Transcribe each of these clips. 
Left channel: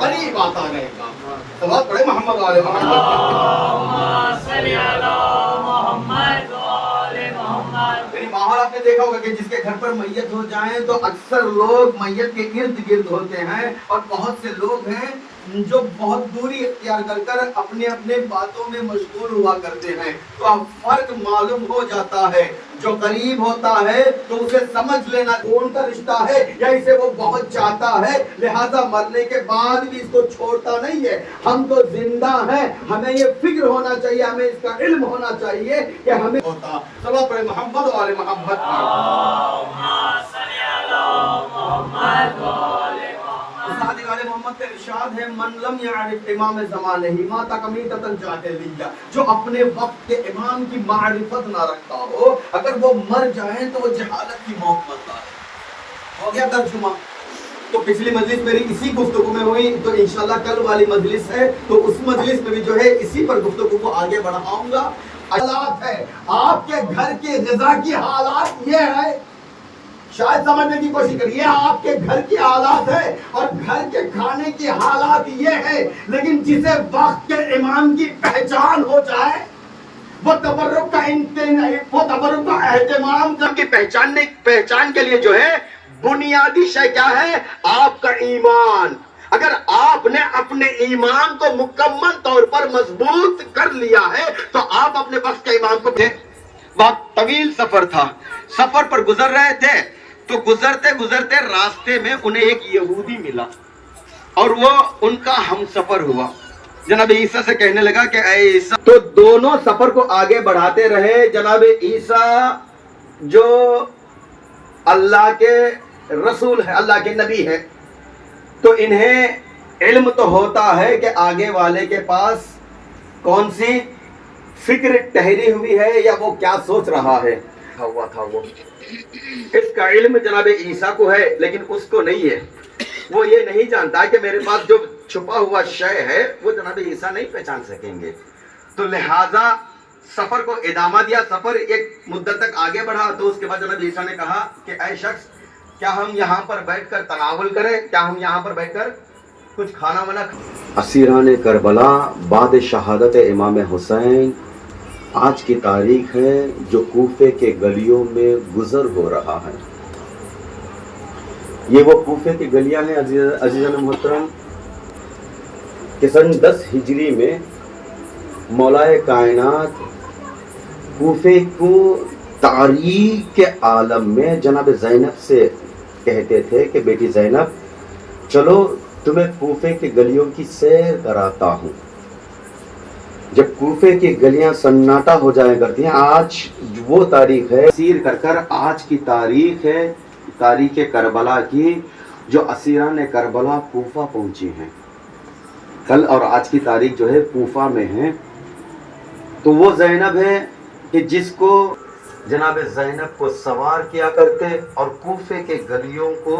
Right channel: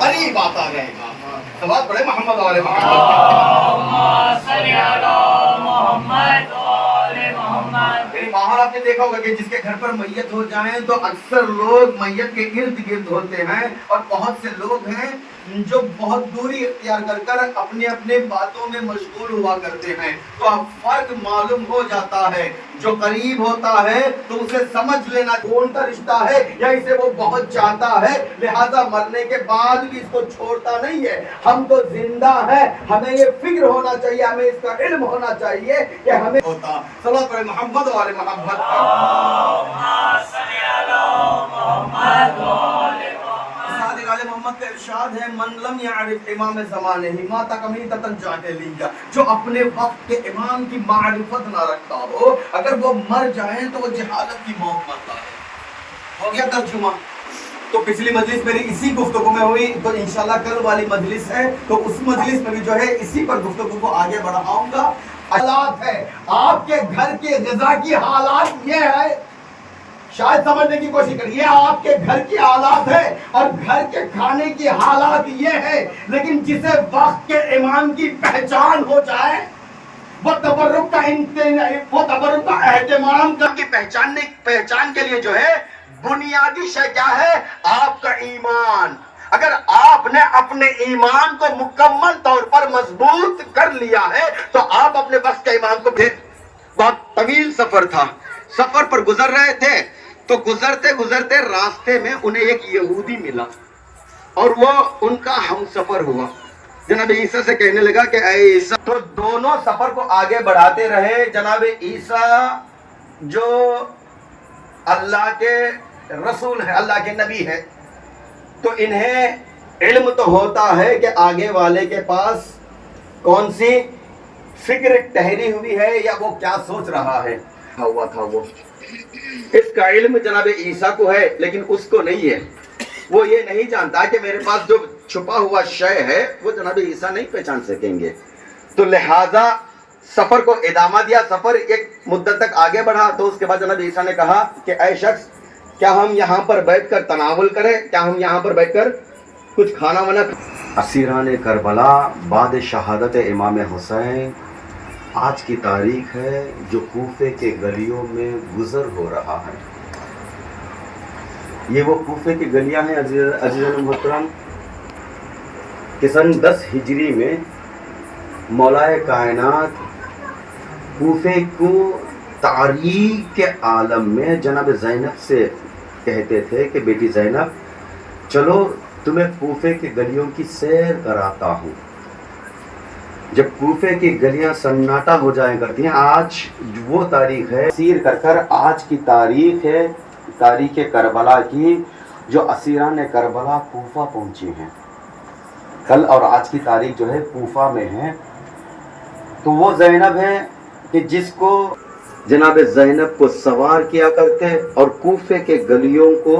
करीब आता रहेगा। सवाल पढ़े मोहम्मद वाले माहौल आपने देखा होगा कि जिसके घर पर मैयत हो जाए तो अक्सर लोग मैयत के इर्द गिर्द होते हैं और बहुत से लोग हैं जो बहुत दूरी इख्तियार कर कर अपने अपने बातों में मशगूल हुआ करते हैं। तो अब फर्क मालूम हो जाता है, जो करीब होता है तो उसे समझ लेना कौन का रिश्ता है या इसे वो बहुत चाहता है, लिहाजा मरने के बाद भी इसको छोड़ता नहीं है। हम तो जिंदा हैं, हमें ये फिक्र होना चाहिए, हमें इसका इल्म होना चाहिए कि हमें होता सवाल पर मोहम्मद वाले मोहम्मद मोहम्मद का इरशाद है, मन लम यारिफ इमाम ज़माने ही माता कमीतन जाहिलिया, जो अपने वक्त के इमाम की मारिफत ना रखता हो, अगर वो मर जाए तो वो जहालत की मौत मरता है। हो गया तर्जुमा। तो पिछली मजलिस मेरी इसी गुफ्तगू में हुई, तो इंशाल्लाह कल वाली मजलिस है तो उस मजलिस में भी जो है इसी पर गुफ्तगू को आगे बढ़ाऊंगा। हालात है आपके घर के ग़िज़ा की हालात ये है, शायद समझने की कोशिश करिए, आपके घर की हालात है और घर के खाने की हालात ये है, लेकिन जिसे वक्त के इमाम की पहचान हो जाए, वो तबर्रुक का एहतमाम करके पहचान के लिए जो है बुनियादी शय क्या है, आपका ईमान। अगर आपने अपने ईमान को मुकम्मल तौर पर मजबूत कर लिया है तो आप अपने वक्त के इमाम को। बहुत तवील सफर था, सफर पर गुजर रहे थे तो गुजरते गुजरते रास्ते में उन्हें एक यहूदी मिला और वो उनका हम सफर हुआ। जनाब ईसा से कहने लगा कि ऐ ईसा, तो दोनों सफर को आगे बढ़ाते रहे। जनाब ईसा जो अल्लाह के रसूल है, अल्लाह के नबी है, तो इन्हें इल्म तो होता है कि आगे वाले के पास कौन सी फिक्र ठहरी हुई है या वो क्या सोच रहा है। हुआ था वो, इसका इल्म जनाब ईसा को है लेकिन उसको नहीं है। वो ये नहीं जानता कि मेरे पास जो छुपा हुआ शय है वो जनाब ईसा नहीं पहचान सकेंगे। तो लिहाजा सफर को इदामा दिया, सफर एक मुद्दत तक आगे बढ़ा। तो उसके बाद जनाब ईसा ने कहा कि ऐ शख्स, क्या हम यहाँ पर बैठकर तनावुल करें, क्या हम यहाँ पर बैठकर कुछ खाना वाना। असीरान करबला बाद शहादत इमाम हुसैन, आज की तारीख है जो कूफे के गलियों में गुजर हो रहा है। ये वो कूफे की गलियां हैं अज़ीज़ान मोहतरम कि सन 10 हिजरी में मौलाए कायनात कूफे को तारीख के आलम में जनाब ज़ैनब से कहते थे कि बेटी ज़ैनब चलो तुम्हें कूफे की गलियों की सैर कराता हूँ। जब कूफे की गलियां सन्नाटा हो जाया करती हैं, आज वो तारीख है सीर कर कर आज की तारीख है, तारीख करबला की, जो असीरान करबला कूफा पहुंची हैं। कल और आज की तारीख जो है कूफा में है। तो वो ज़ैनब है कि जिसको जनाब ज़ैनब को सवार किया करते और कूफे के गलियों को,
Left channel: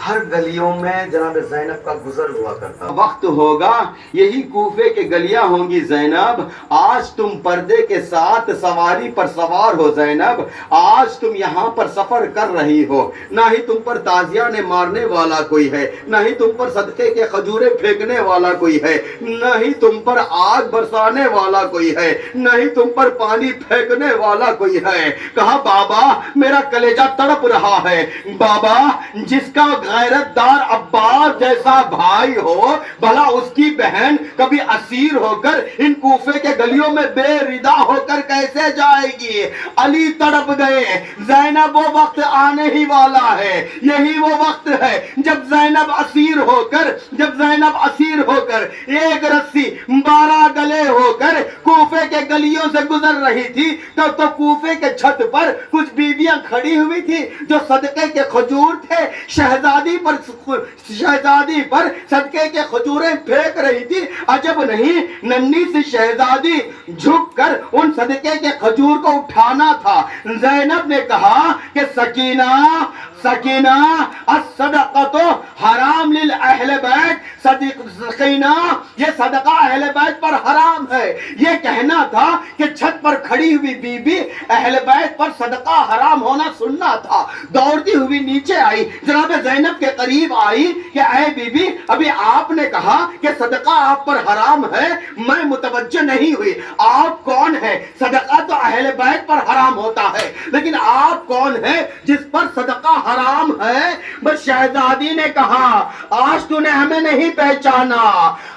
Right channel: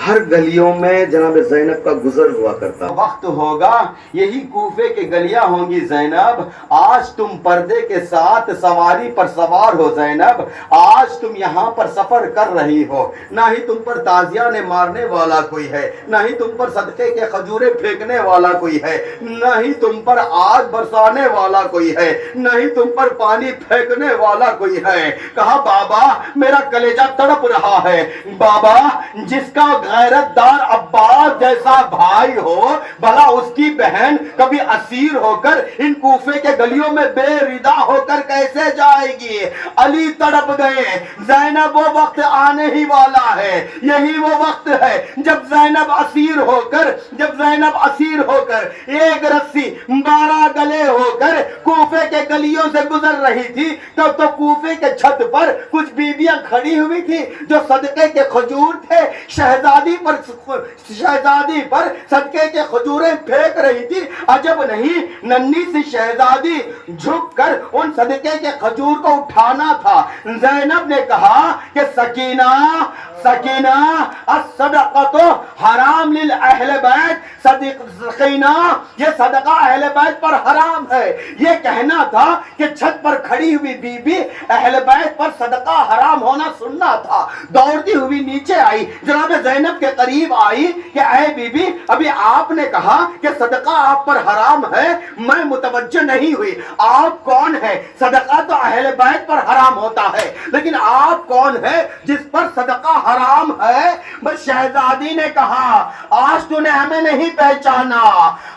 हर गलियों में जनाब ज़ैनब का गुजर हुआ करता। वक्त होगा यही कूफे की गलियां होंगी ज़ैनब, आज तुम पर्दे के साथ सवारी पर सवार हो ज़ैनब, आज तुम यहाँ पर सफर कर रही हो। ना ही तुम पर ताजिया ने मारने वाला कोई है, ना ही तुम पर सदके के खजूरे फेंकने वाला कोई है, ना ही तुम पर आग बरसाने वाला कोई है, ना ही तुम पर पानी फेंकने वाला कोई है। कहा बाबा मेरा कलेजा तड़प रहा है, बाबा जिसका गैरतदार अब्बास जैसा भाई हो, भला उसकी बहन कभी असीर होकर इन कूफे के गलियों में बेरिदा होकर कैसे जाएगी। अली तड़प गए, ज़ैनब वो वक्त आने ही वाला है, यही वो वक्त है जब ज़ैनब असीर होकर एक रस्सी 12 गले होकर कूफे के गलियों से गुजर रही थी। तब तो कूफे के छत पर कुछ बीबियां खड़ी हुई थी जो सदके के खजूर थे, शहजादी पर सदके के खजूरें फेंक रही थी। अजब नहीं, नन्ही सी शहजादी झुककर उन सदके के खजूर को उठाना था। ज़ैनब ने कहा कि सकीना सकीना अस्सदक़तु हराम लिल अहले बैत, सकीना ये सदका अहले बैत पर हराम है। ये कहना था कि छत पर खड़ी हुई बीबी अहले बैत पर सदका हराम होना सुनना था। दौड़ती हुई नीचे आई, जनाब ज़ैनब के करीब आई कि ऐ बीबी, अभी आपने कहा कि सदका आप पर हराम है, मैं मुतवज्जो नहीं हुई। आप कौन है? सदका तो अहले बैत पर हराम होता है, लेकिन आप कौन है जिस पर सदका हराम है? बस शहजादी ने कहा, आज तूने हमें नहीं पहचाना,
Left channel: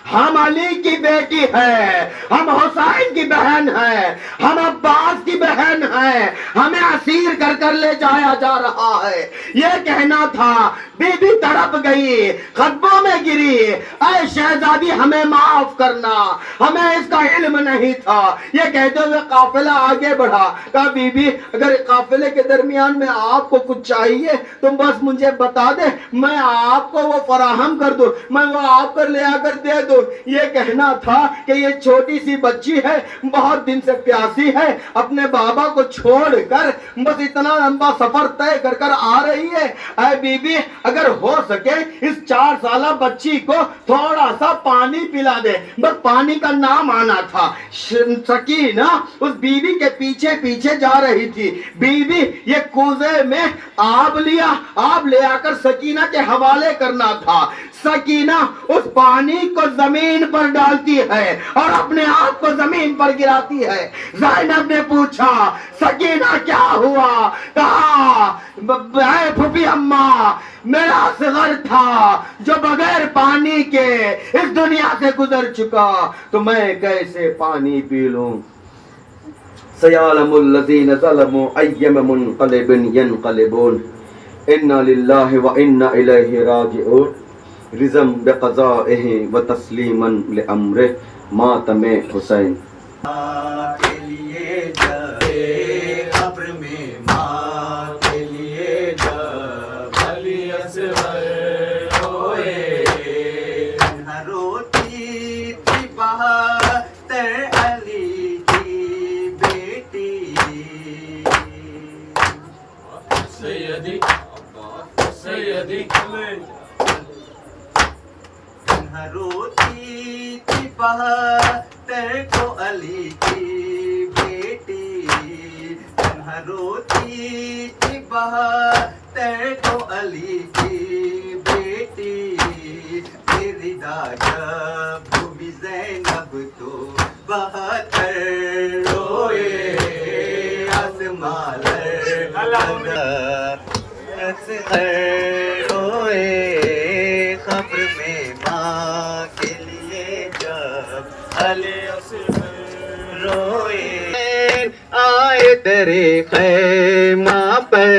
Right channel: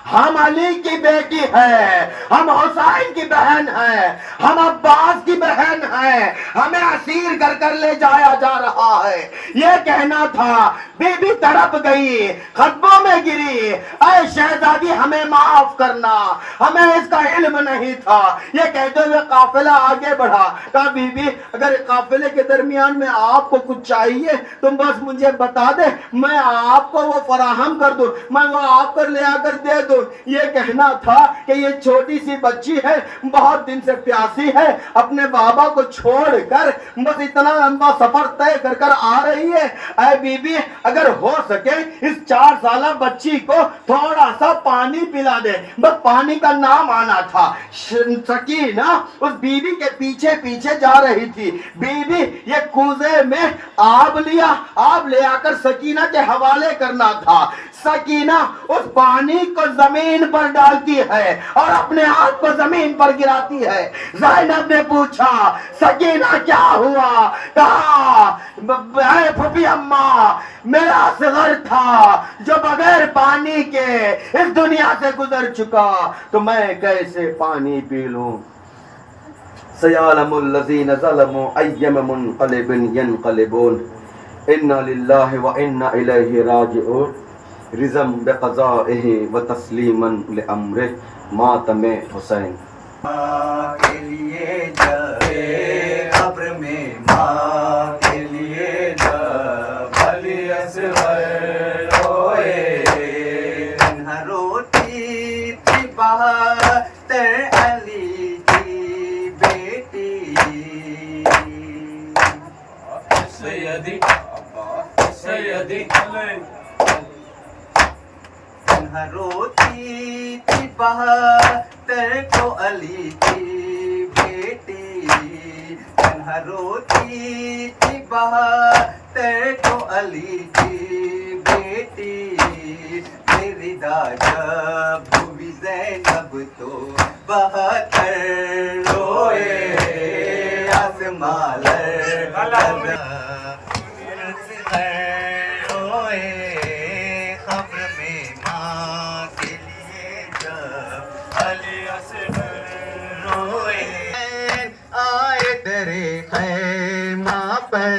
हम अली की बेटी है, हम हुसैन की बहन है, हम अब्बास की बहन है, हमें असीर कर कर ले जाया जा रहा है। यह कहना था। बीबी तड़प गई, खतबों में गिरी, ऐ शहजादी हमें माफ करना, हमें इसका इल्म नहीं था। यह कहते हुए काफिला आगे बढ़ा। कहा बीबी, अगर काफिले के दरमियान में आपको कुछ चाहिए तुम बस मुझे बता दे, मैं आपको वो फराहम कर दूं, मैं वो आप कर ले आकर दे दूं। ये कहना था कि ये छोटी सी बच्ची है, बहुत दिन से प्यासी है, अपने बाबा को छोड़कर बस इतना लंबा सफर तय कर कर आ रही है। ऐ बीबी, अगर हो सके इस 4 साला बच्ची को थोड़ा सा पानी पिला दे, बस पानी का नाम आना था। सकीना उस बीबी के पीछे पीछे जा रही थी। बीबी ये कूजे में आब लिया, आब ले आकर सकीना के हवाले करना था। सकीना उस पानी को जमीन पर डालती है और अपने आप को जमीन पर गिराती है। ज़ैनब ने पूछा, सकीना क्या हुआ? कहा, फूफी अम्मा, मेरा असगर था जो बगैर पानी के इस दुनिया से गुजर चुका, तो मैं कैसे पानी पी लूं? सयालमुल लज़ीना ज़लमू अय्यम मुनक़लिबिन यनक़लिबून, इन्ना लिल्लाहि व इन्ना इलैहि राजिऊन, रिज़म बिक़ज़ाइहि व तस्लीमन लिअम्रिहि, मातमे हुसैन। के लिए जब कब्र में, माँ के लिए जब अली असग़र रोए, तन्हा रोती थी बहत्तर अली की बेटी। सैयदी सैयदी तन्हा रोती थी बहत्तर को अली की बेटी, तन्हा रोती थी बहत्तर को अली की बेटी। मेरी जब हुई ज़ैनब तो 72 रोए, आसमां रोए, खब्र में माँ के लिए जब अली असग़र रोए, आए दरे ख़ैमा पर,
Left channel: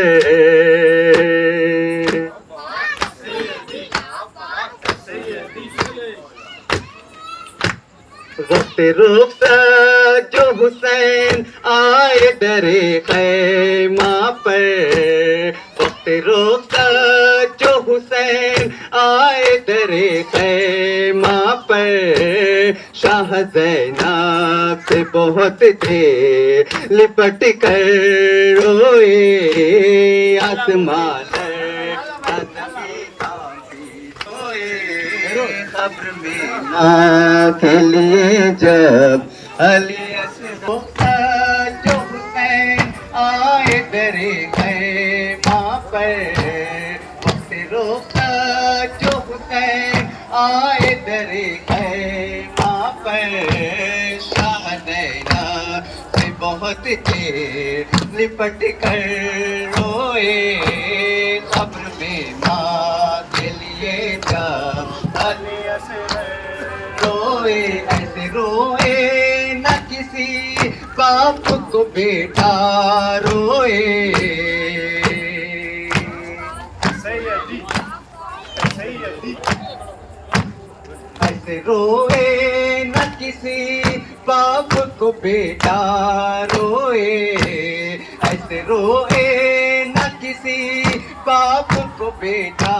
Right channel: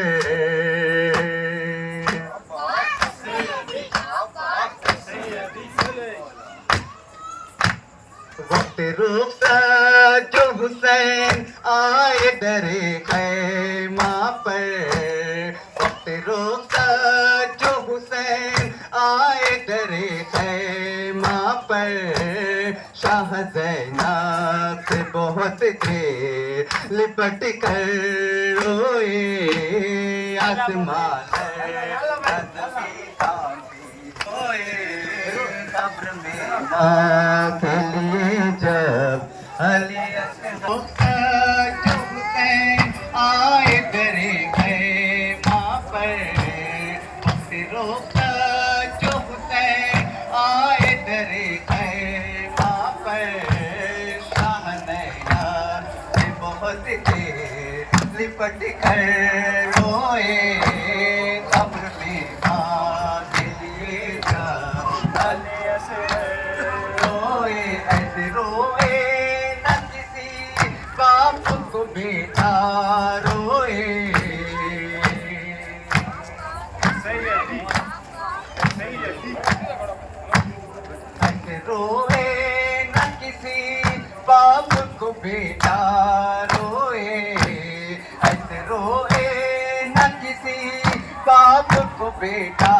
वक्त रुख़सत जो हुसैन आए दरे ख़ैमा पर, वक्त रुख़सत जो हुसैन आए दरे ख़ैमा पर। शाह ज़ैनब से बहुत थे लिपट कर रोए, आसमां कब्र में माँ के लिए जब अली असग़र जो हुसैन आए दरे ख़ैमा पर, वक्त रुख़सत जो हुसैन आए दरे ख़ैमा पर। शाह ज़ैनब से बहुत थे लिपट कर रोए, कब्र में माँ के लिए जब अली असग़र रोए, ऐसे रोए न किसी बाप को बेटा रोए। ऐसे रोए न किसी बाप को बेटा रोए, ऐसे रोए न किसी बाप को बेटा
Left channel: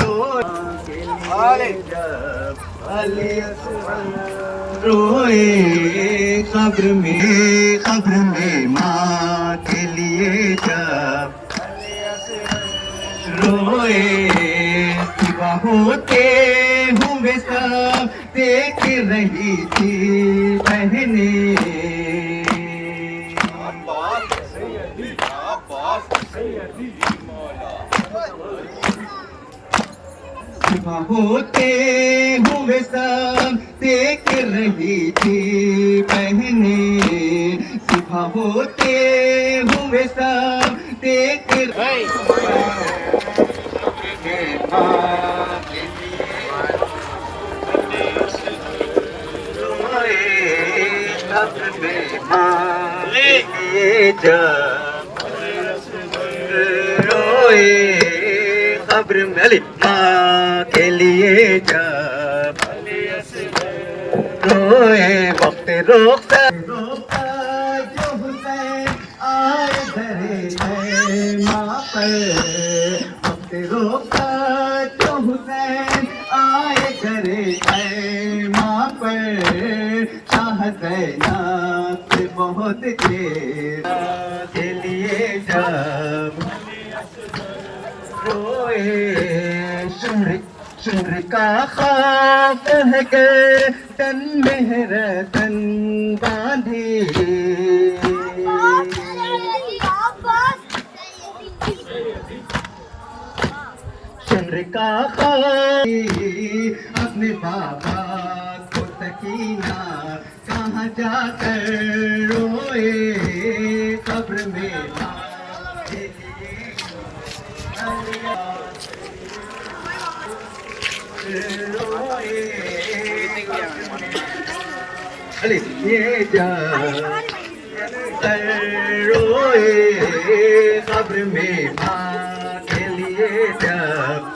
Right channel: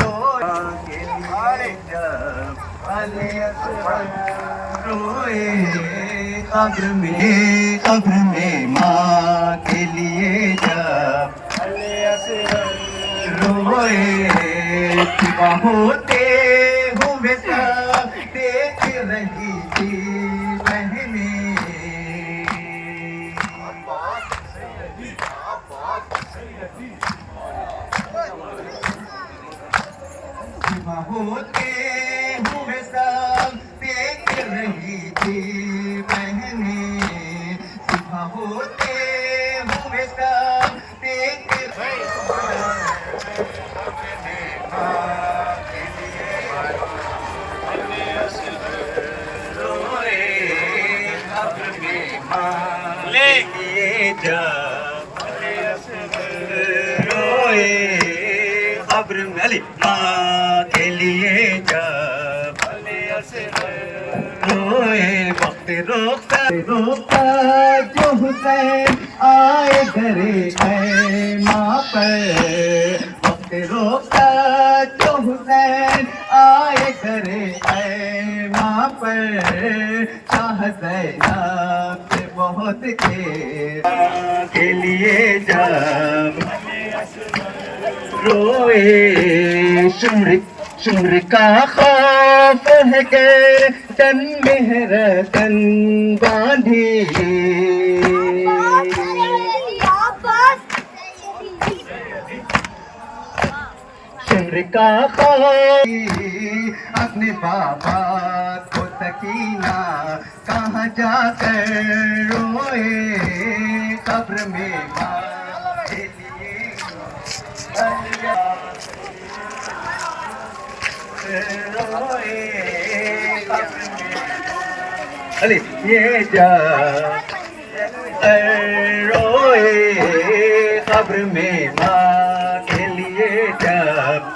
रोए। के लिए जब अली असग़र रोए, कब्र में माँ के लिए जब अली असग़र रोए सिवा होते हुए सब देख रही थी बहने सिवा होते हुए सब देख रही थी बहने सिवा होते हुए सब देख रोए कब्र में माँ ले जब रोए कब्र में अली माँ के लिए जब रोए वक्त रोकता रोकता जो हुसैन आए घरे है माँ पर वक्त रोकता जो हुसैन आए घरे है माँ पर शाह ज़ैनब से बहुत के लिए जब रोए शुम्र का खौफ है गर्दन में रतन बांधी शुम्र का खौफ अपने बाबा को सकीना कहाँ जाकर रोए कब्र में माँ के लिए अरे ये जा रोए कब्र में माँ के लिए जब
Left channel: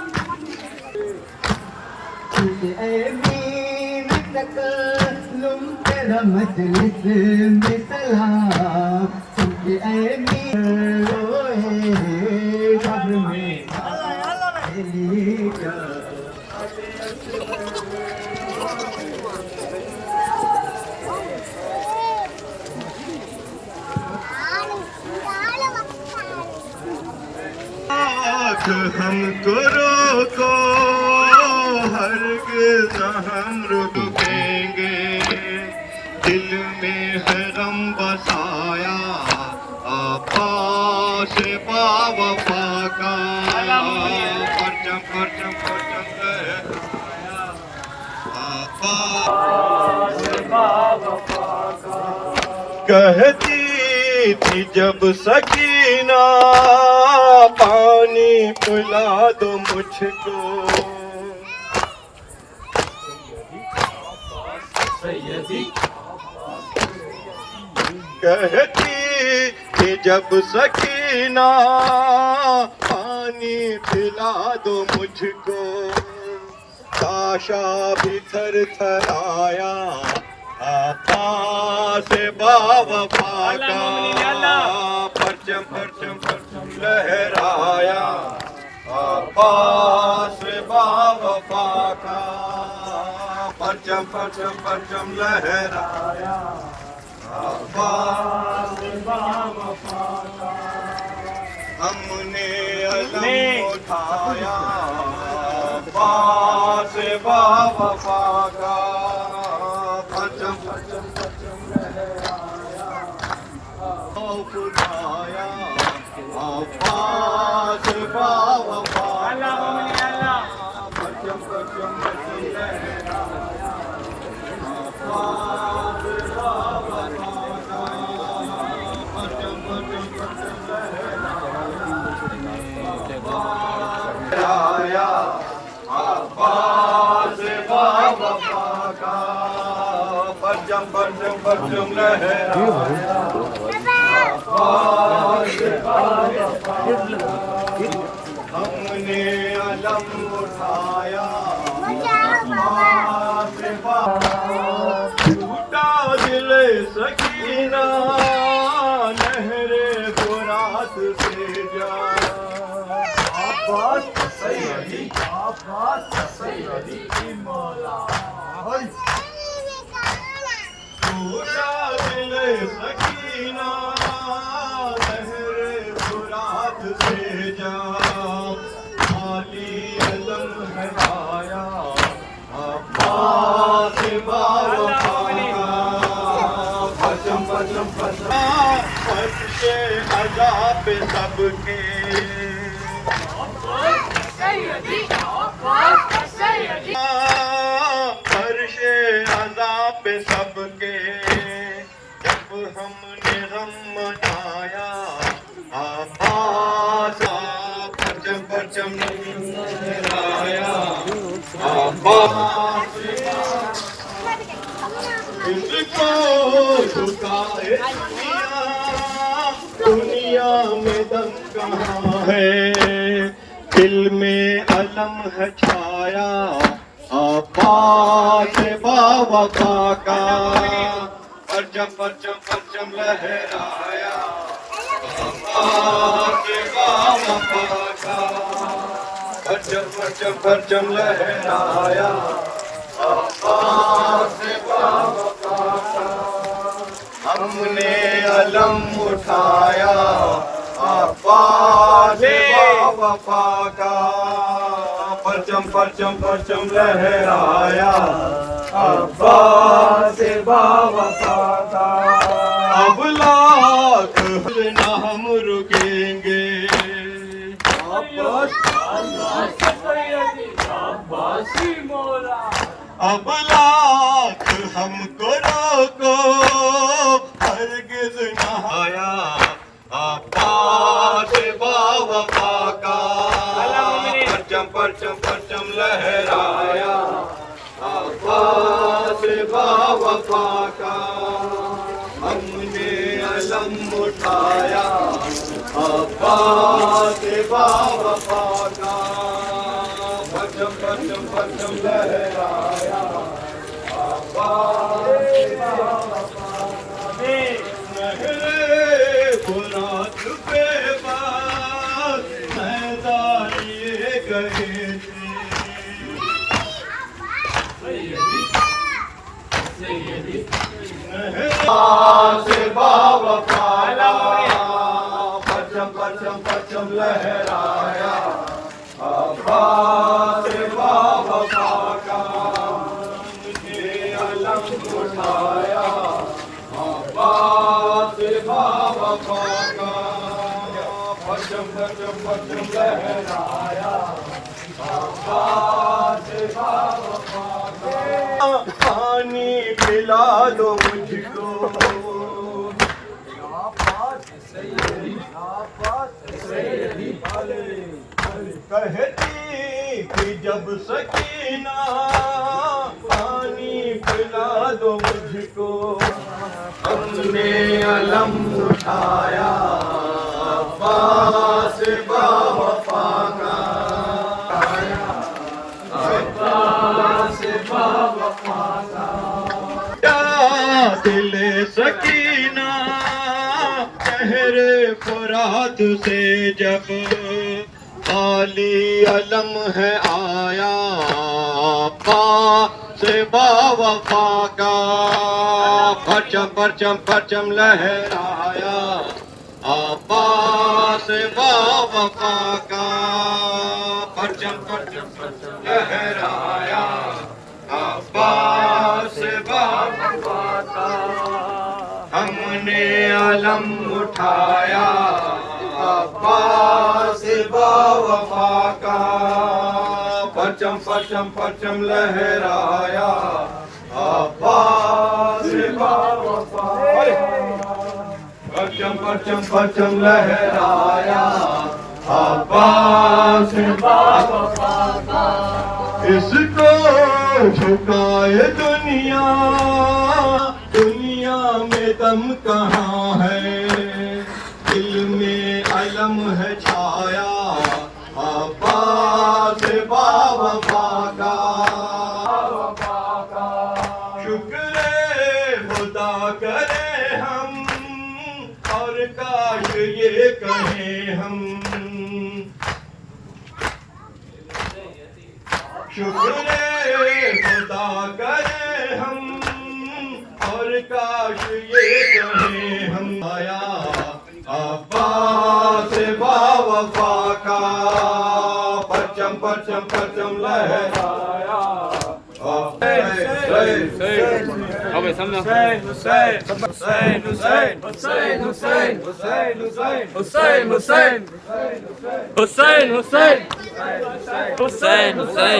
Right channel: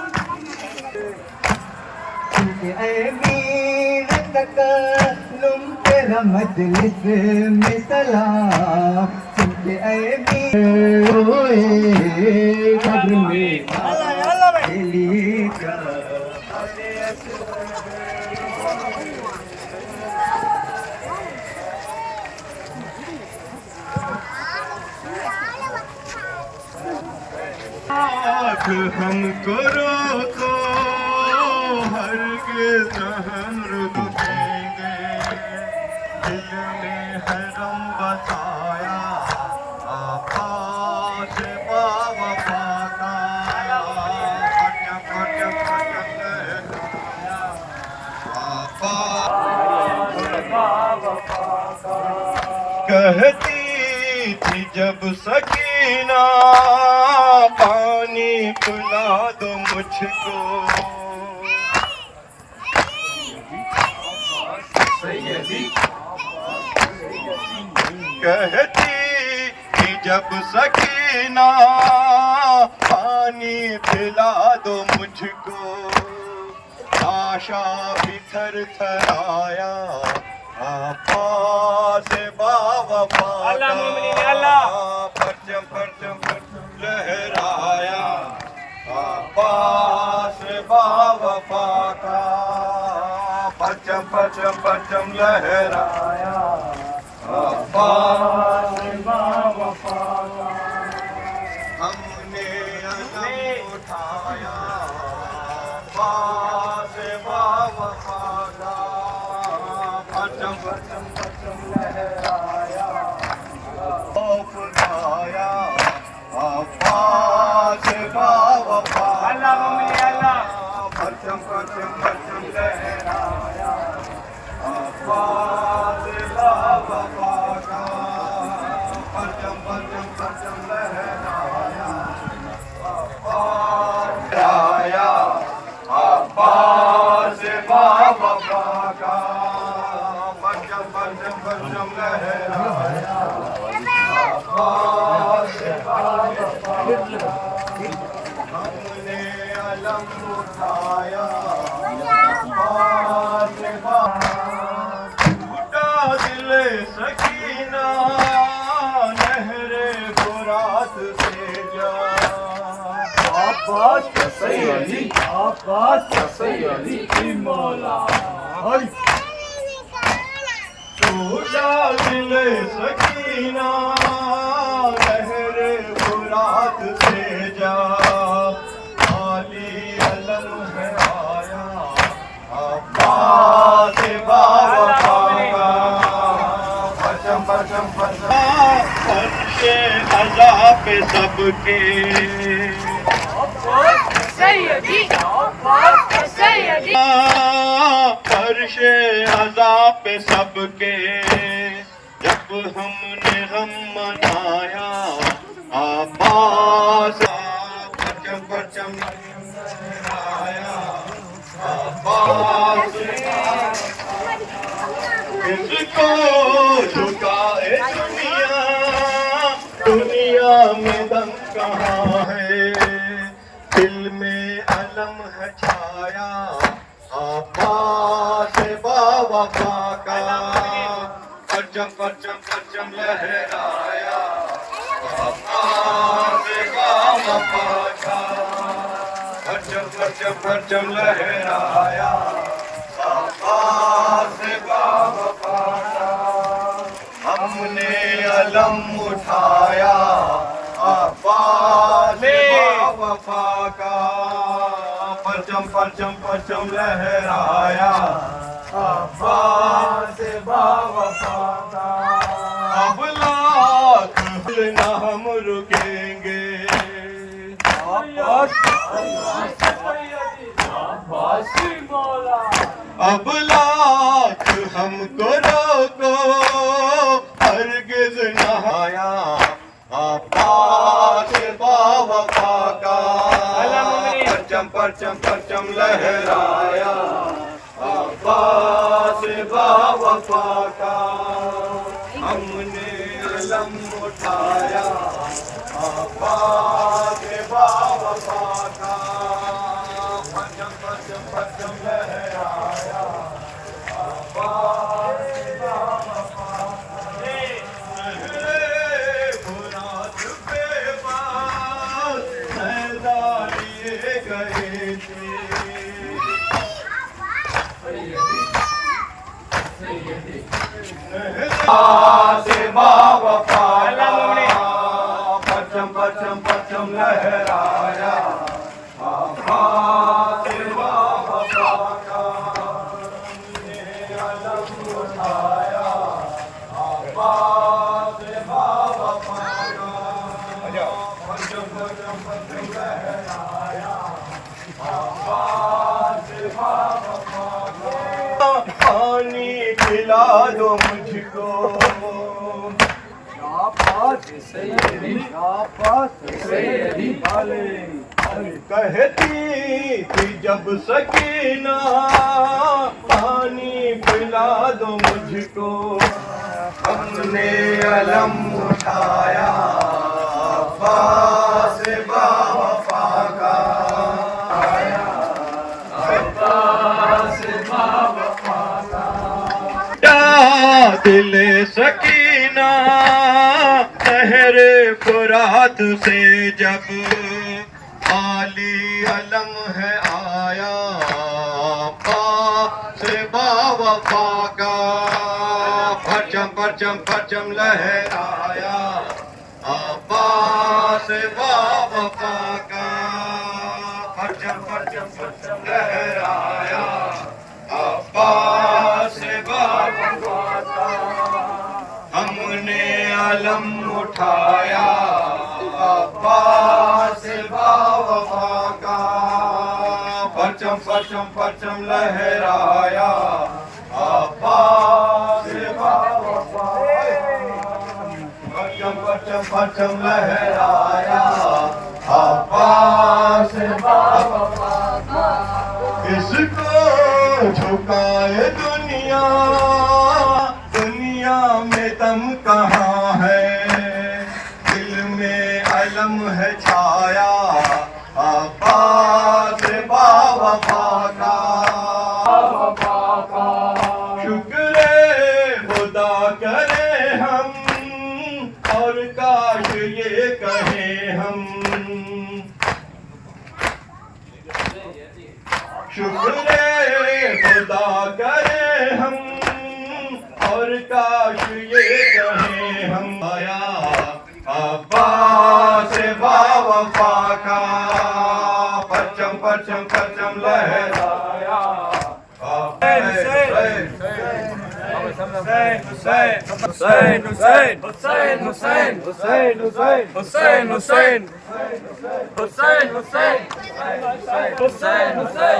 मीर तकल्लुम तेरा मजलिस में सलाम सुनके मीर रोए कब्र में माँ के लिए जब हमको रोको हरगिज़ न हम रुक देंगे दिल में है गम बसाया आपा से बावफा का परचम परचम परचम लहराया आपा से बावफा का कहती थी जब सकीना पानी पिला दो मुझको कहती कि जब सकीना पानी पिला दो मुझको आशा भी थर थर आया आपा से बावफा का परचम परचम परचम लहराया आपा से बावफा का परचम परचम परचम लहराया आपा से बावफा का हमने अलम उठाया आपा से बावफा का परचम परचम परचम लहराया उठाया आपा से बावफा परचम परचम परचम लहराया आपा से बावफा का परचम परचम परचम लहराया आपा लहराया आपा से बावफा का परचम परचम परचम लहराया हमने अलम उठाया टूटा दिल सकीना लहरे फुरात से जा आबाद सैयदी आबाद सैयदी मौला टूटा दिल सकीना लहरे फुरात से जा पे सबके सैयदी अर्शे अज़ा पे सबके जब हमने हम मनाया आबास परचम परचम लहराया आबास इसको झुकाए दुनिया दुनिया में दम कहाँ है दिल में अलम है छाया आबास बावफा का परचम परचम परचम लहराया आबास बावफा का परचम परचम परचम लहराया आबास बावफा का हमने अलम उठाया आबास बावफा का परचम परचम परचम लहराया आबास बावफा का अब लाख ना हम रुकेंगे अब लाख हमको रोको हरगिज़ न आया आबास बावफा का परचम परचम परचम लहराया आबास बावफा का हमने अलम उठाया आबास बावफा का परचम परचम परचम लहराया आबास बावफा लहरे फुरात के पास मैदानिए गए थे से बावफा परचम परचम परचम लहराया आबास बावफा का ये अलम उठाया आबास बावफा का परचम परचम परचम लहराया आबास बावफा का पानी पिला दो मुझको कहती कि जब सकीना पानी पिला दो मुझको हमने अलम उठाया आबास बावफा का आबास बावफा का दिल सकीना तहरे फुरात से जब आली अलम है आया आबास बावफा का परचम परचम परचम लहराया आबास बावफा का परचम परचम परचम लहराया आबास बावफा का हमने अलम उठाया आबास बावफा का परचम परचम परचम लहराया आबास बावफा परचम परचम परचम लहराया आबास बावफा का इसको झुकाए दुनिया दुनिया में दम कहाँ है दिल में अलम है छाया आबास बावफा का शुक्र खुदा करे हम और काश ये कहें हम शुक्र खुदा करे हम और काश ये कहें हम आया अब्बास बावफा का परचम परचम परचम लहराया समझो हुसैन हुसैन हुसैन हुसैन हुसैन हुसैन हुसैन हुसैन हुसैन हुसैन हुसैन हुसैन हुसैन हुसैन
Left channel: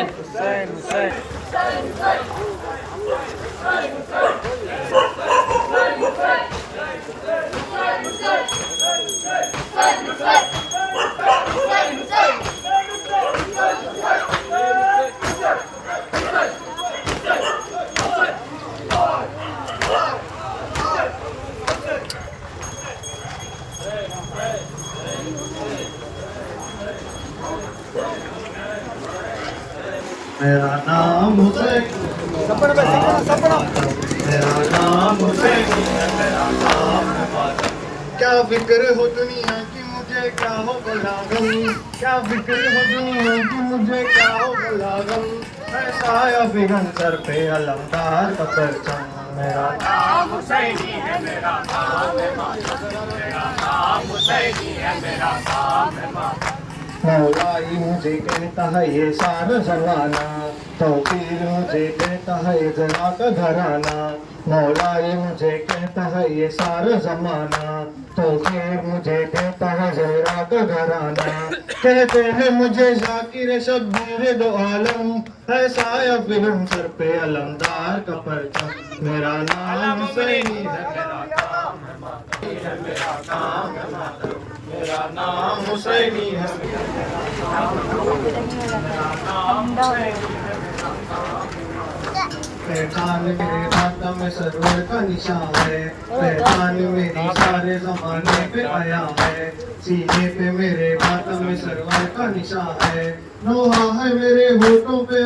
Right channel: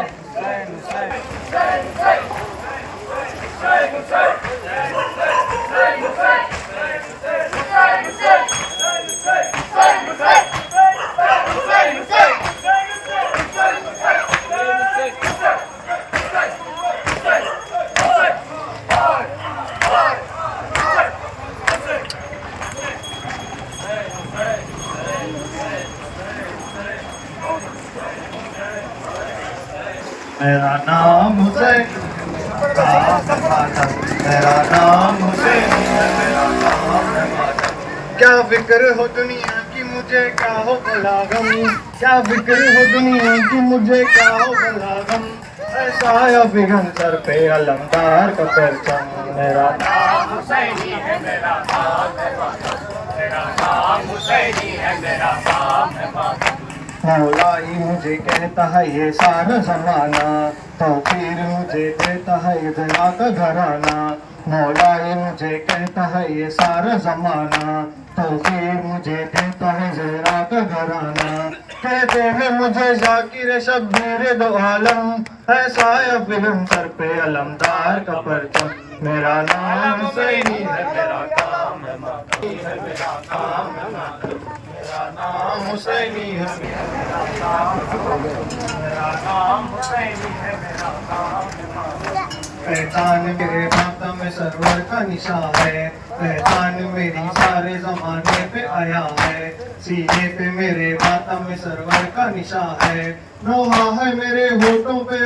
मेरा नाम हुसैन का मातम, मेरा नाम हुसैन है, मेरा नाम है मातम। क्या फिक्र हो दुनिया की मुझे क्या हो बड़ा गम, क्या फिक्र हो दुनिया की मुझे क्या हो बड़ा गम। ऐसा या फिगन सर पे अलमदार का परचम, मेरा नाम हुसैनी है, मेरा नाम है मातम, मेरा नाम हुसैनी है, मेरा नाम है मातम। मौलाई मुझे कहता है ये सारा जमाना, तौकीर मुझे देता है ये जना का घराना। मौलाई मुझे कहता है ये सारा जमाना, तौकीर मुझे देता है जहरा का घराना। कहते हैं मुझे जाकिर शब्बीर दो आलम, ऐसा या फिल्म सर पे अलमदार का परचम। मेरा नाम हुसैनी है, मेरा काम है मातम, मेरा काम है मातम, मेरा नाम हुसैनी है, मेरा नाम हुसैनी है, मेरा नाम है मातम। पहचान मेरे मातम में सरवर का निशान है, पहचान मेरी सारे जमाने पे आया है। सीने पे मेरे मातम में सरवर का निशान है, नोहा है मेरे होठों पे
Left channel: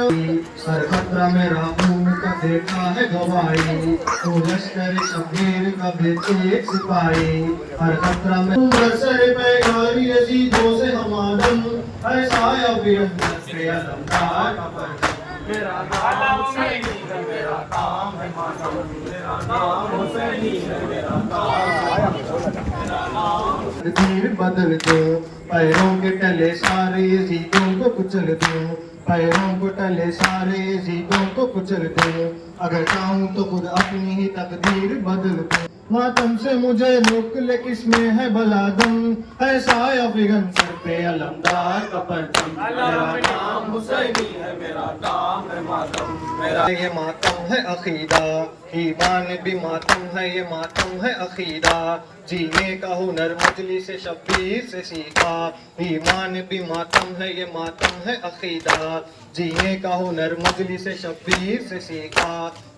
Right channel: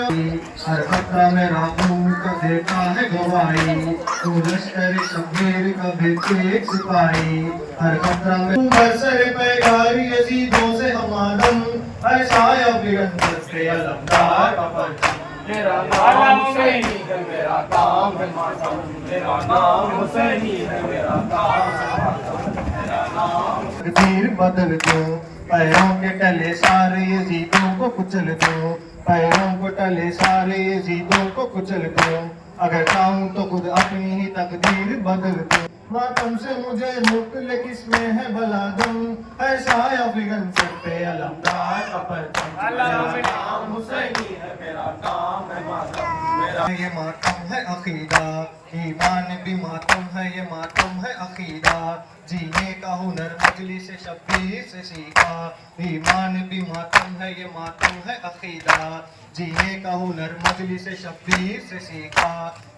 हर खतरा मेरा खून का देता है गवाही। तू लश्कर शब्बीर का भी एक सिपाही, हर खतरा में बरसर पे गारी यजीदों से हमादम। ऐसा या बिरंदर से अलमदार का परचम, मेरा नाम हुसैनी है, मेरा काम है मातम, मेरा नाम हुसैनी है, मेरा काम है मातम, मेरा नाम। तकदीर बदल दूं, पैरों के तले सारे यजीदों को कुचल दूं, पैरों को तले सारे यजीदों को कुचल दूं। अगर चाहूं तो खुद अपनी ही तकदीर बदल दूं। मातम से मुझे मुकले किसमें है भला दम, ऐसा या फिगन सर पे अलमदार का परचम। मेरा नाम हुसैनी है, मेरा नाम है मातम, मेरा ये मातम है अकीदा, ईमान भी मातम है, ये मातम है अकीदा। जीने का हुनर मजलिस से शब्बीर से सीखा, ईमान भी मातम है, ये मातम है अकीदा। जीने का हुनर मजलिस से शब्बीर से सीखा।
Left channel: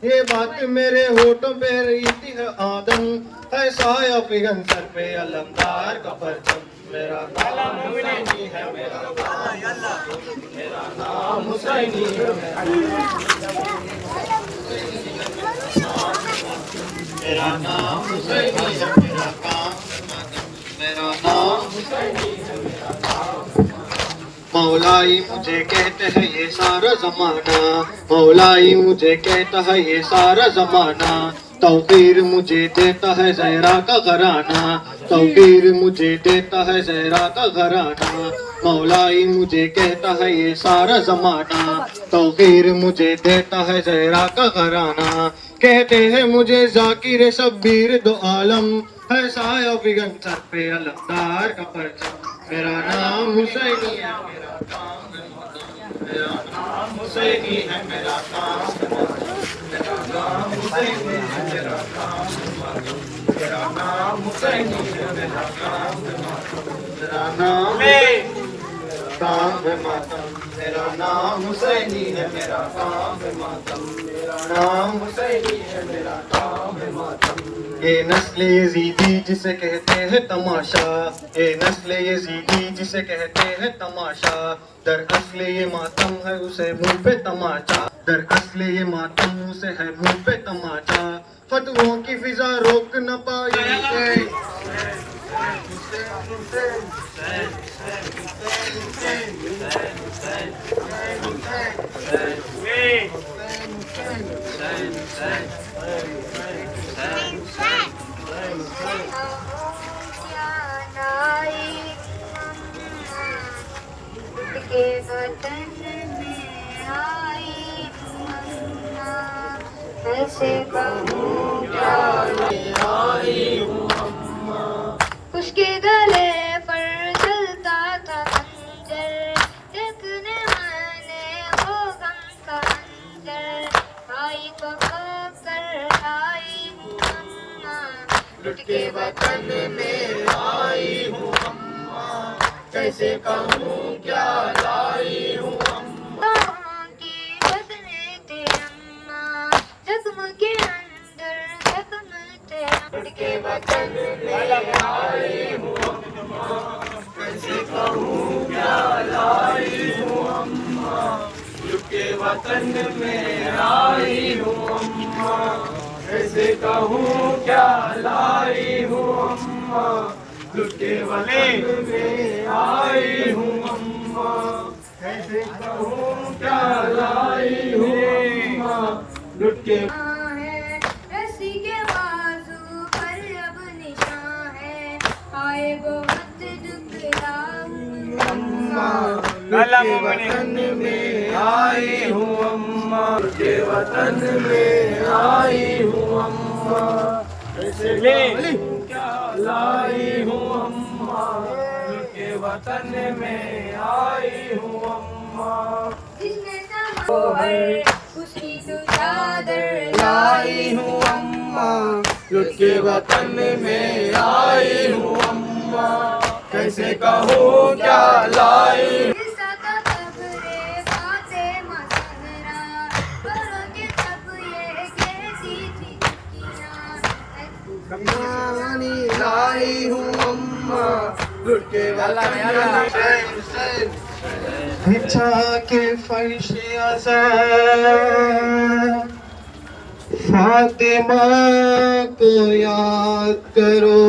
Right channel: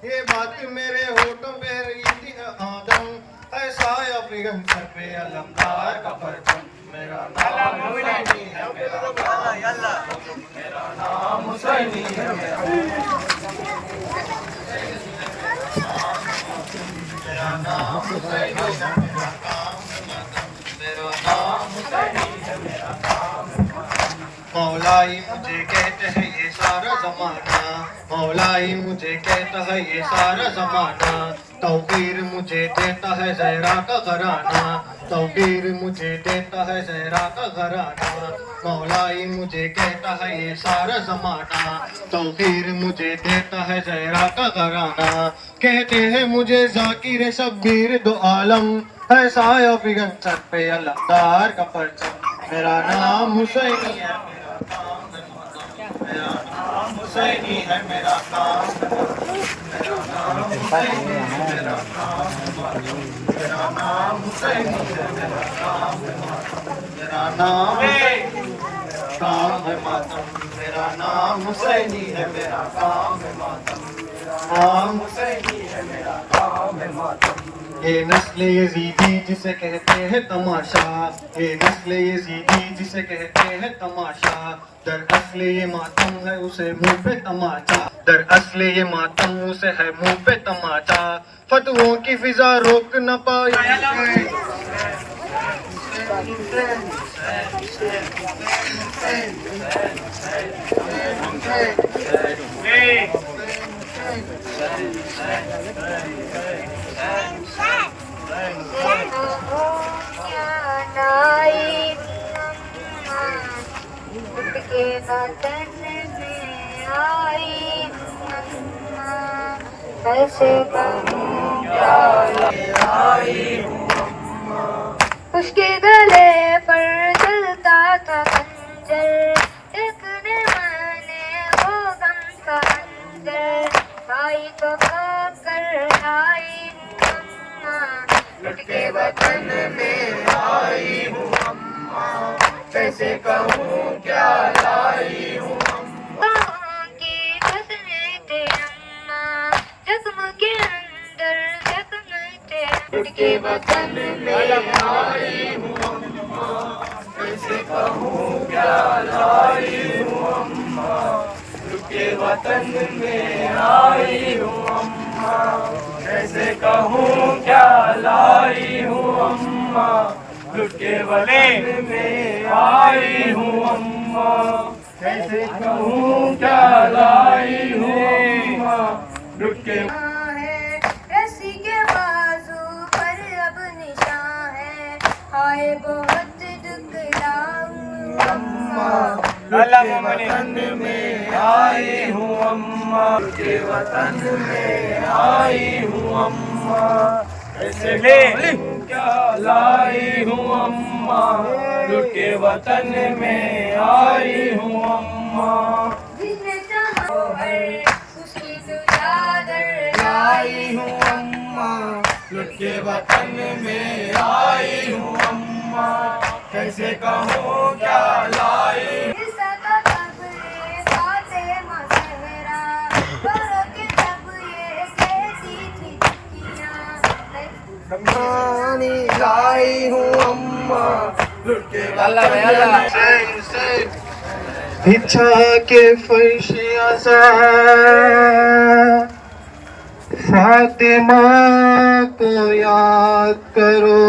ये बात मेरे होठों पे रही थी है आदम, ऐसा या फिगन सर पे अलमदार का परचम। मेरा नाम हुसैनी है, मेरा नाम हुसैनी है, मेरा नाम हुसैनी है, मेरा काम मेरा नाम हुसैनी है, मेरा नाम। मौलाई मुझे कहते हैं ये सारा जमाना, मौलाई मुझे कहता है ये सारा जमाना। तौकीर मुझे देता है जहरा का घराना, तौकीर मुझे देता है जहरा का घराना। मौलाई मुझे कहता है ये सारा जमाना, तौकीर मुझे देता है जहरा का घराना। कहते हैं मुझे जाकिर शब्बीर दो आलम, है साया फिगन सर पे अलमदार का परचम। मेरा नाम हुसैनी है, मेरा काम है मातम, मेरा नाम हुसैनी है, मेरा काम है मातम, मेरा नाम हुसैनी है, मेरा काम है मातम, मेरा नाम हुसैनी है, मेरा काम है मातम, मेरा नाम काम है मातम, मेरा नाम हुसैनी है, मेरा काम है मातम, मेरा नाम हुसैनी है, मेरा काम है मातम। ये नस्ल यजीदी जिसे कहते हैं तमाशा, ये नस्ल यजीदी जिसे कहते हैं तमाशा। दर असले ये मातम है उसे मुंह पे तमाचा, दर असले ये मातम उसे है मुंह पे तमाचा। फतवों की फिजा रोक न पाई, के वतन में आई कैसे कहूँ क्या लाई हूँ अम्मा। उसके गले पर जलता था खंजर, देखने मैंने वो गम का अंजर। भाई को खोकर आई हूँ अम्मा, लुट के वतन में आई हूँ अम्मा। कैसे कहूँ क्या लाई हूँ अम्मा। की बसने थे अम्मा, जख्म के अंदर जख्म थे। लुट के वतन में आई हूँ अम्मा, कैसे कहूँ क्या लाई हूँ अम्मा। लुट के वतन में आई हूँ अम्मा, कैसे कहूँ क्या लाई हूँ अम्मा। लुट के वतन में आई हूँ अम्मा, कैसे कहूँ क्या लाई हूँ अम्मा। लुट के है रस्सी के बाजू पर अब निशान है, आए बहुत दुखलाऊं अम्मा। लुट के वतन में आई हूँ अम्मा, लुट के वतन में आई हूँ अम्मा। कैसे क्या लाई हूँ अम्मा। लुट के वतन में आई हूँ अम्मा। जिसने चाहा है उसकी क्यों चादर लाई हूँ अम्मा। लुट के वतन में आई हूँ अम्मा, कैसे कहूँ क्या लाई। कहानी लाई हूँ अम्मा, लुट के वतन में। इच्छा के फर्श फातिमा को याद करो,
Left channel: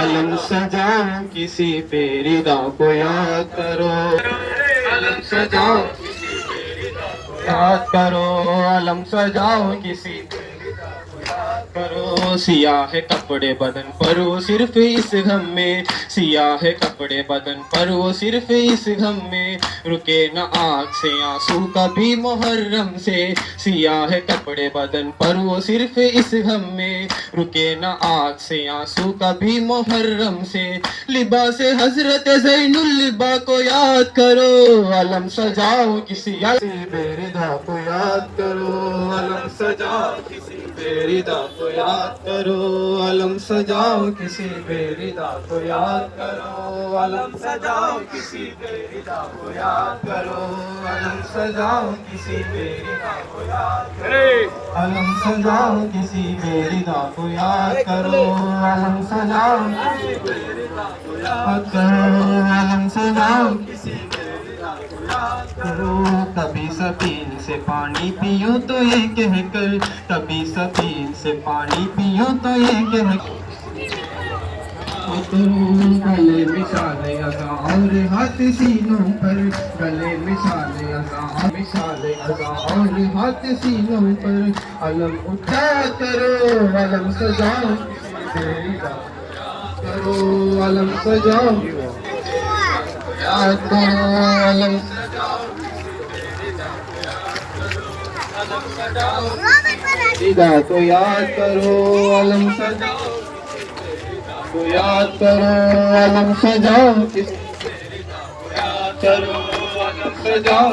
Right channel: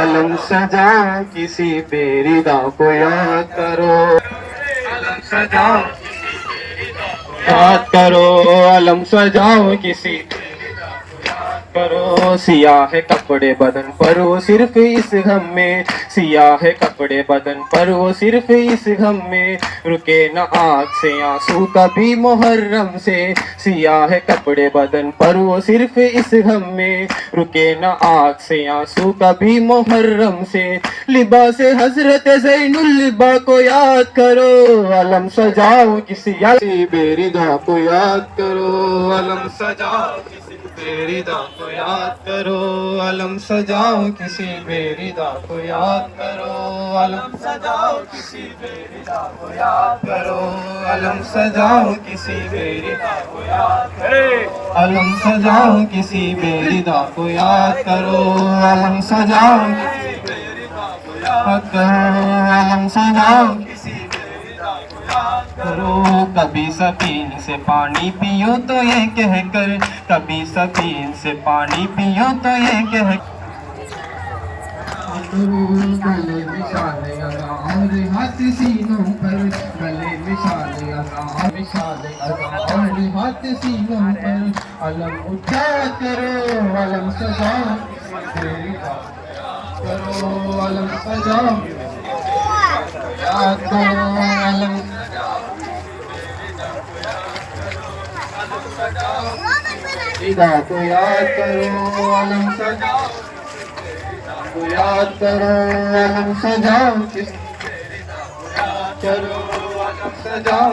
अलम सजाओ किसी पे रिदा को याद करो। अलम सजाओ किसी पे रिदा को याद करो, अलम सजाओ किसी करो। सियाह है कपड़े बदन पर वो सिर्फ इस गम में, सियाह है कपड़े बदन पर वो सिर्फ इस गम में। रुके न आँख से आंसू कभी मुहर्रम से, सियाह है कपड़े बदन पर वो सिर्फ इस गम में। रुके न आँख से आंसू कभी मुहर्रम से। लिबास हजरत ज़ैनुल लिबा को याद करो, अलम सजाओ किसी बेरिदा को याद करो। अलम सजाओ किसी बेरिदा को याद करो, अलम सजाओ किसी बेरिदा को याद करो। अलम सजाओ किसी बेरिदा को याद करो, अलम सजाओ किसी बेरिदा को याद करो। अलम सजाओ किसी बेरिदा को याद करो, अलम सजाओ किसी बेरिदा को याद करो। अलम सजाओ किसी बेरिदा को याद करो। कभी सफीन से पानी पियो तो ये कहकर, कभी सफीन से पानी पियो तो ये कह। गले मिसाले अज़ां और हाथ सीनों पर, गले मिसाले अज़ां और हाथ सीनों पर। अलम उठा करो, अलम सजाओ करो, अलम सजाओ याद करो। अलम सीधा को याद करो, अलम सजाओ को याद करो। अलम सजाओ किस याद करो, अलम सजाओ।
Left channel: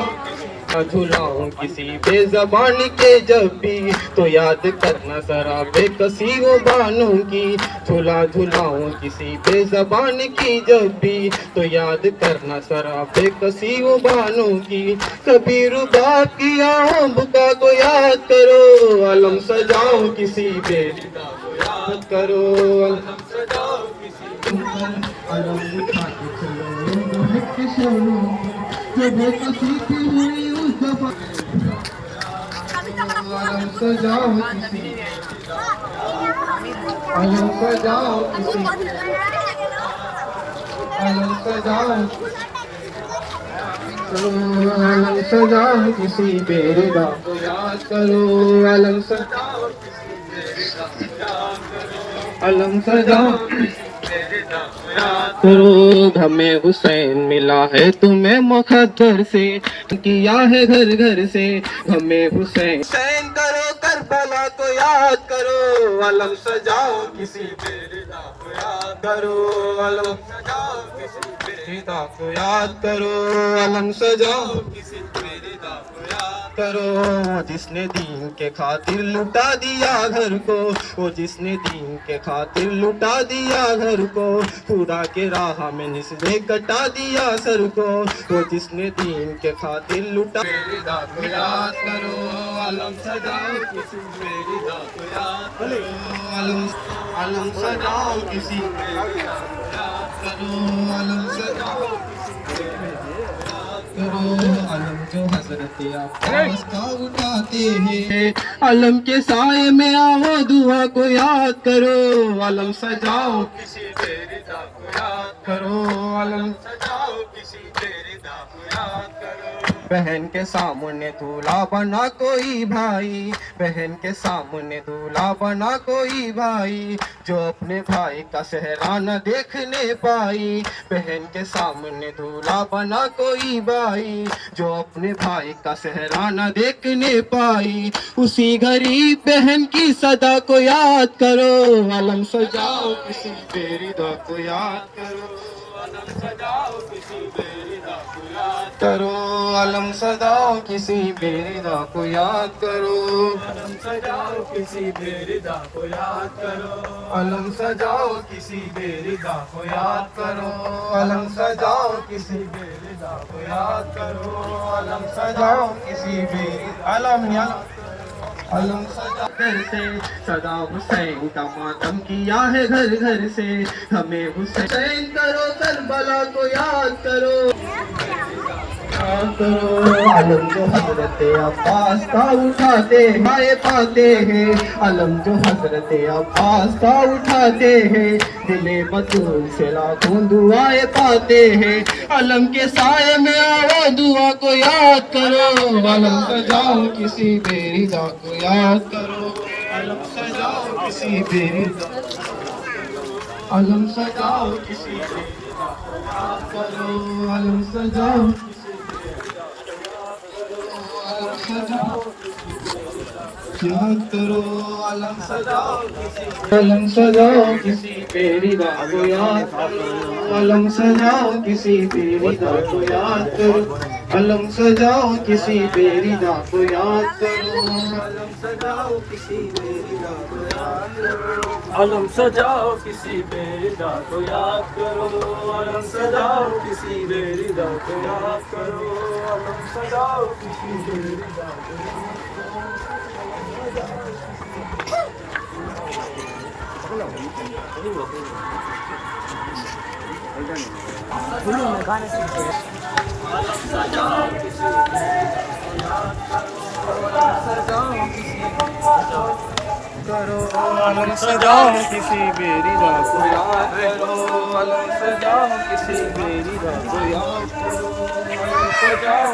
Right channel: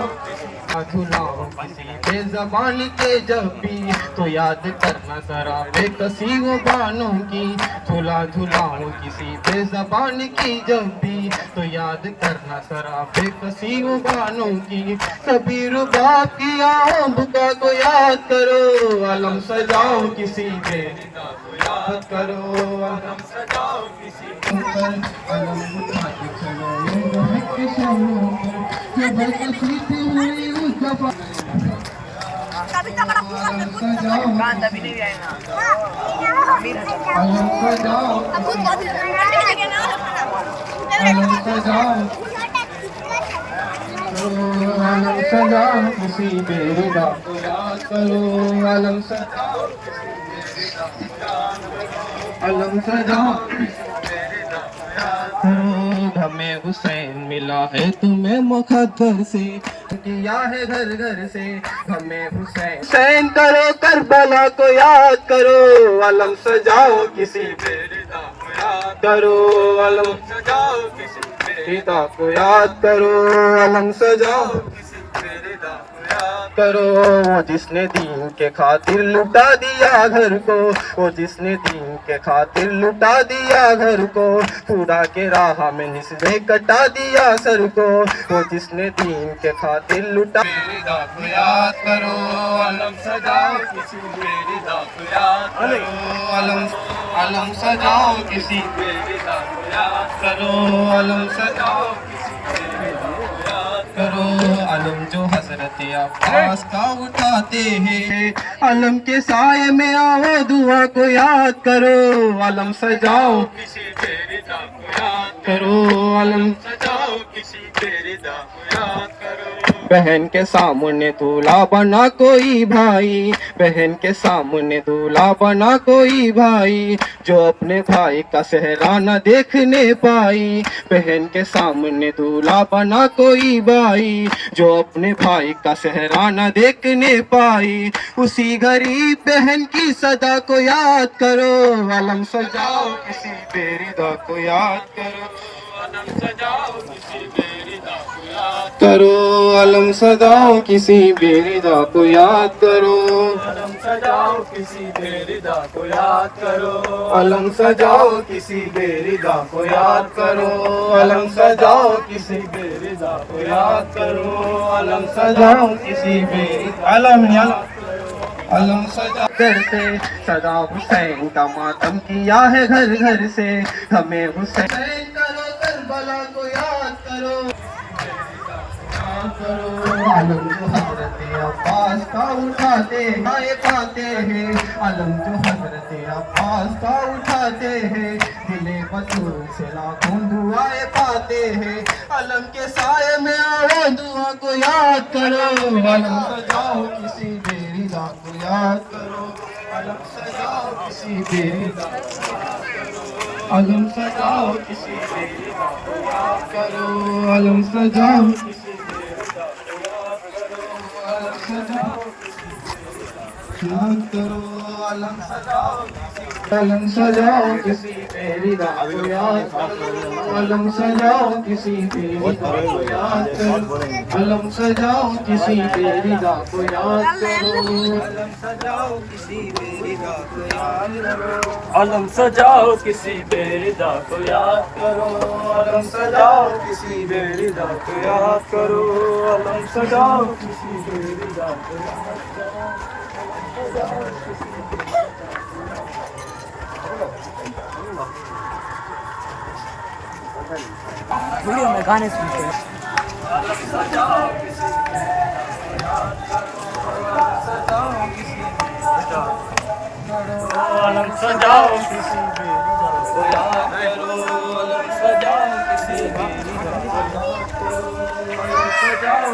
झुलाऊं किसी बेज़बान के जब भी तो याद करना जरा बेकसी वो बानों की। झुलाऊं किसी बेज़बान की जब भी तो याद करना जरा बेकसी वो बानों की। कभी रुबाब की बुका को याद करो, अलम सजाओ किसी बेरिदा को याद करो। अलम सजाओ किसी पर, अलम उठा के चलो जो है किशोरों पर, जो बेकसी थी हुई उस दफा। अलम सजाओ, अलम सजाओ, अलम सजाओ, अलम सजाओ किसी बेरिदा को याद करो। अलम सजाओ किसी बेरिदा को याद करो, अलम सजाओ किसी बेरिदा को याद करो हमें हुसैन मिला है तुम्हें मुकद्दर से, किया है घर घर से हमें हुसैन करो करबला को याद करो, अलम सजाओ किसी बेरिदा को याद करो, अलम सजाओ किसी बेरिदा को याद करो, अलम सजाओ किसी बेरिदा को याद करो। वो जिसने दीन के खातिर लुटा दिया घर को, वो जिसने दीन के खातिर लुटा दिया घर को, पूरा के राह में निस्बे कटा दिया सर को, वो जिसने दीन के खातिर लुटा बेरिदा को याद करो, अलम सजाओ किसी बेरिदा को याद करो, अलम सजाओ किसी बेरिदा को याद करो, अलम सजाओ किसी बेरिदा को याद करो। अलम जो हजरत अब्बास का उठाते हैं, अलम के साए में आओ दुआ को याद करो, अलम सजाओ किसी बेरिदा को याद करो, अलम सजाओ किसी बेरिदा को याद करो। बहन के सामने दूल्हा बना कोई भाई, बहन के सामने दूल्हा बना कोई भाई, जो अपने भाई का सेहरा न देखने पाई, बहन के सामने दूल्हा बना कोई भाई, जो अपने भाई का सेहरा न देखने पाई, उसी गरीब बहन की सदा को याद करो, अलम सजाओ किसी बेरिदा को याद करो, अलम सजाओ किसी बेरिदा को याद करो, अलम सजाओ किसी बेरिदा को याद करो, अलम सजाओ किसी बेरिदा को याद करो, अलम सजाओ किसी बेरिदा को याद करो, अलम सजाओ किसी बेरिदा को याद करो, अलम सजाओ किसी बेरिदा अलम सजा घर से सदा हुसैन का मातम किया है घर घर से, हमें हुसैन करो करबला को याद करो, अलम जो हजरत अब्बास का उठाते हैं पाते हैं, अलम जो हजरत अब्बास का उठाते हैं, दिले बतूल से लाखों दुआएं पाते हैं, अलम के साए में आओ दुआ को याद करो, अलम सजाओ किसी बेरिदा को याद करो, अलम सजाओ किसी बेरिदा, अलम सजाओ किसी बेरिदा को याद करो, अलम सजाओ किसी याद करो, अलम सजाओ किसी बेरिदा को याद करो, अलम सजाओ किसी बेरिदा को याद करो, अलम सजाओ किसी बेरिदा को याद करो, अलम सजाओ किसी बेरिदा को याद करो, अलम सजाओ किसी बेरिदा को याद करो, अलम सजाओ किसी बेरिदा को याद करो, अलम सजाओ किसी बेरिदा को याद करो। गाने सुनते अलम सजाओ किसी बेरिदा को याद करो, अलम सजाओ किसी बेरिदा करो, अलम सजाओ किसी बेरिदा को याद करो, अलम सजाओ किसी बेरिदा को याद करो, अलम सजाओ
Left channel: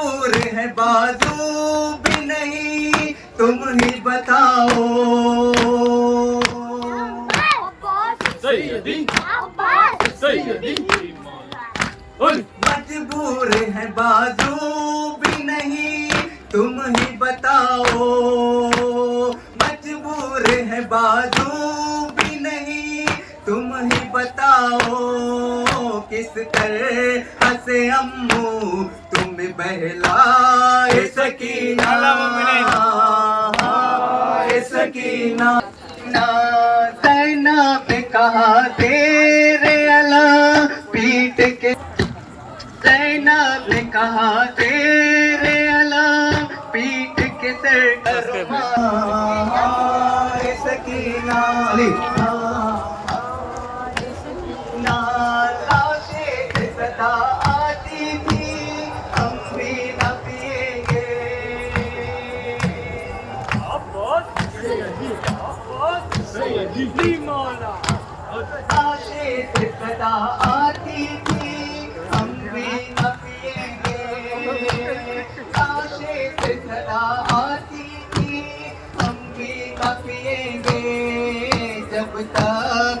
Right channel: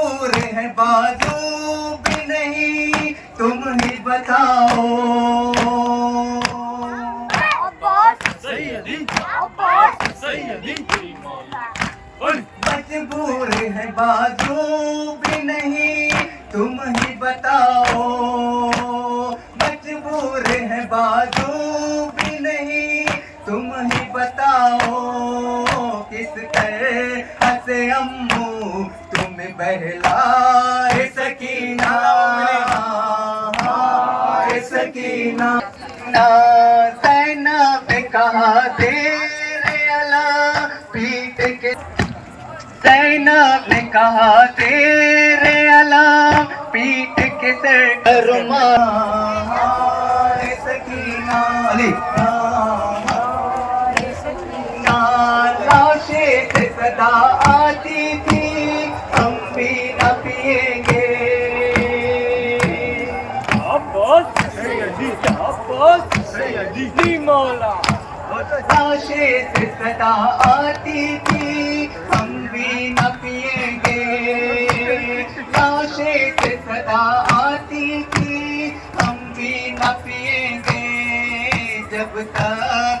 मजबूर है बाजू भी नहीं, तुम ही बताओ। मजबूर है बाजू भी नहीं, तुम ही बताओ। मजबूर है बाजू भी नहीं, तुम ही बताओ। किस तरह हंसे अम्मू तुम बहलाए सकीना, सकीना। ना तैना पे कहा तेरे अला पीट के, तैना पे कहा तेरे अला पीट के सर करमा सकीना। अली सदा आती थी, हम भी न पिएंगे। लाशें से सदा आती थी, हम भी न पिएंगे। लाशें से सदा आती थी, हम भी न पिएंगे। जब तक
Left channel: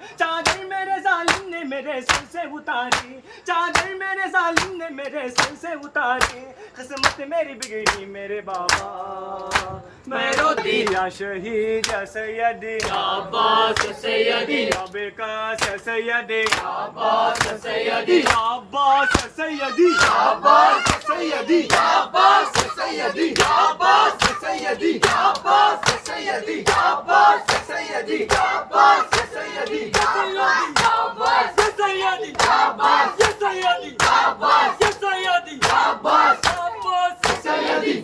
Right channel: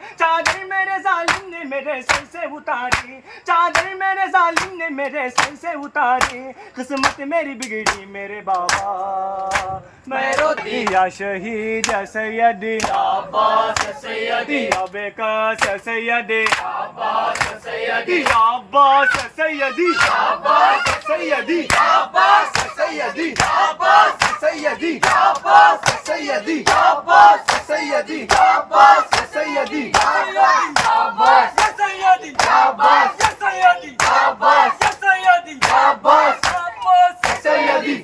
चादर मेरे जालिम ने मेरे सर से उतारी, चादर मेरे जालिम ने मेरे सर से उतारी, किस्मत मेरी बिगड़ी मेरे बाबा, मैं रोती या शहीद या सैयदी अब्बास सैयदी अबेकास सैयदी अब्बास सैयदी अब्बास सैयदी अब्बास सैयदी अब्बास सैयदी अब्बास सैयदी अब्बास सैयदी अब्बास सैयदी अब्बास सैयदी अब्बास सैयदी अब्बास सैयदी अब्बास सैयदी अब्बास सैयदी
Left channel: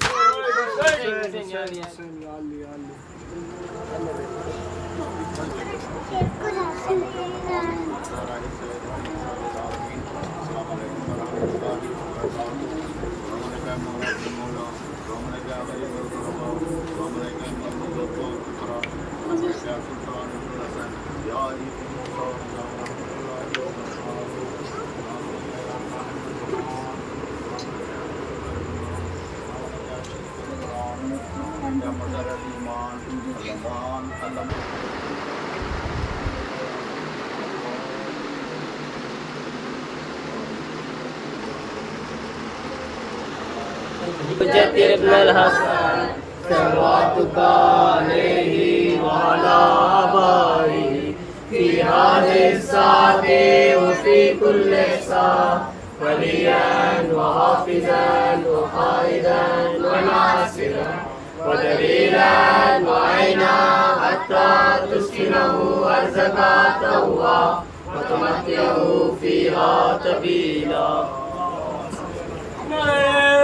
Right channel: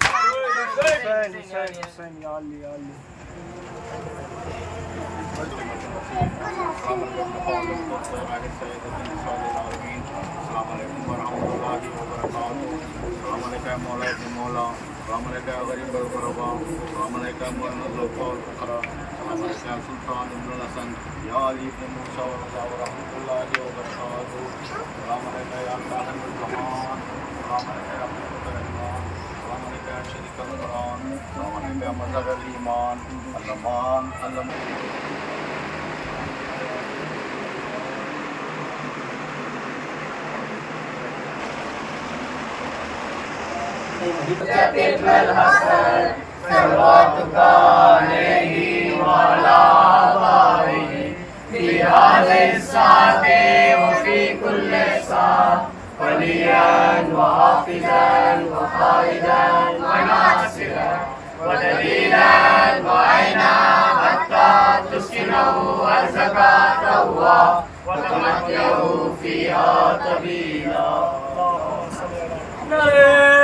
हुसैन या अली या अली मज़हर ईमान अल्लामान अल्लाह नारे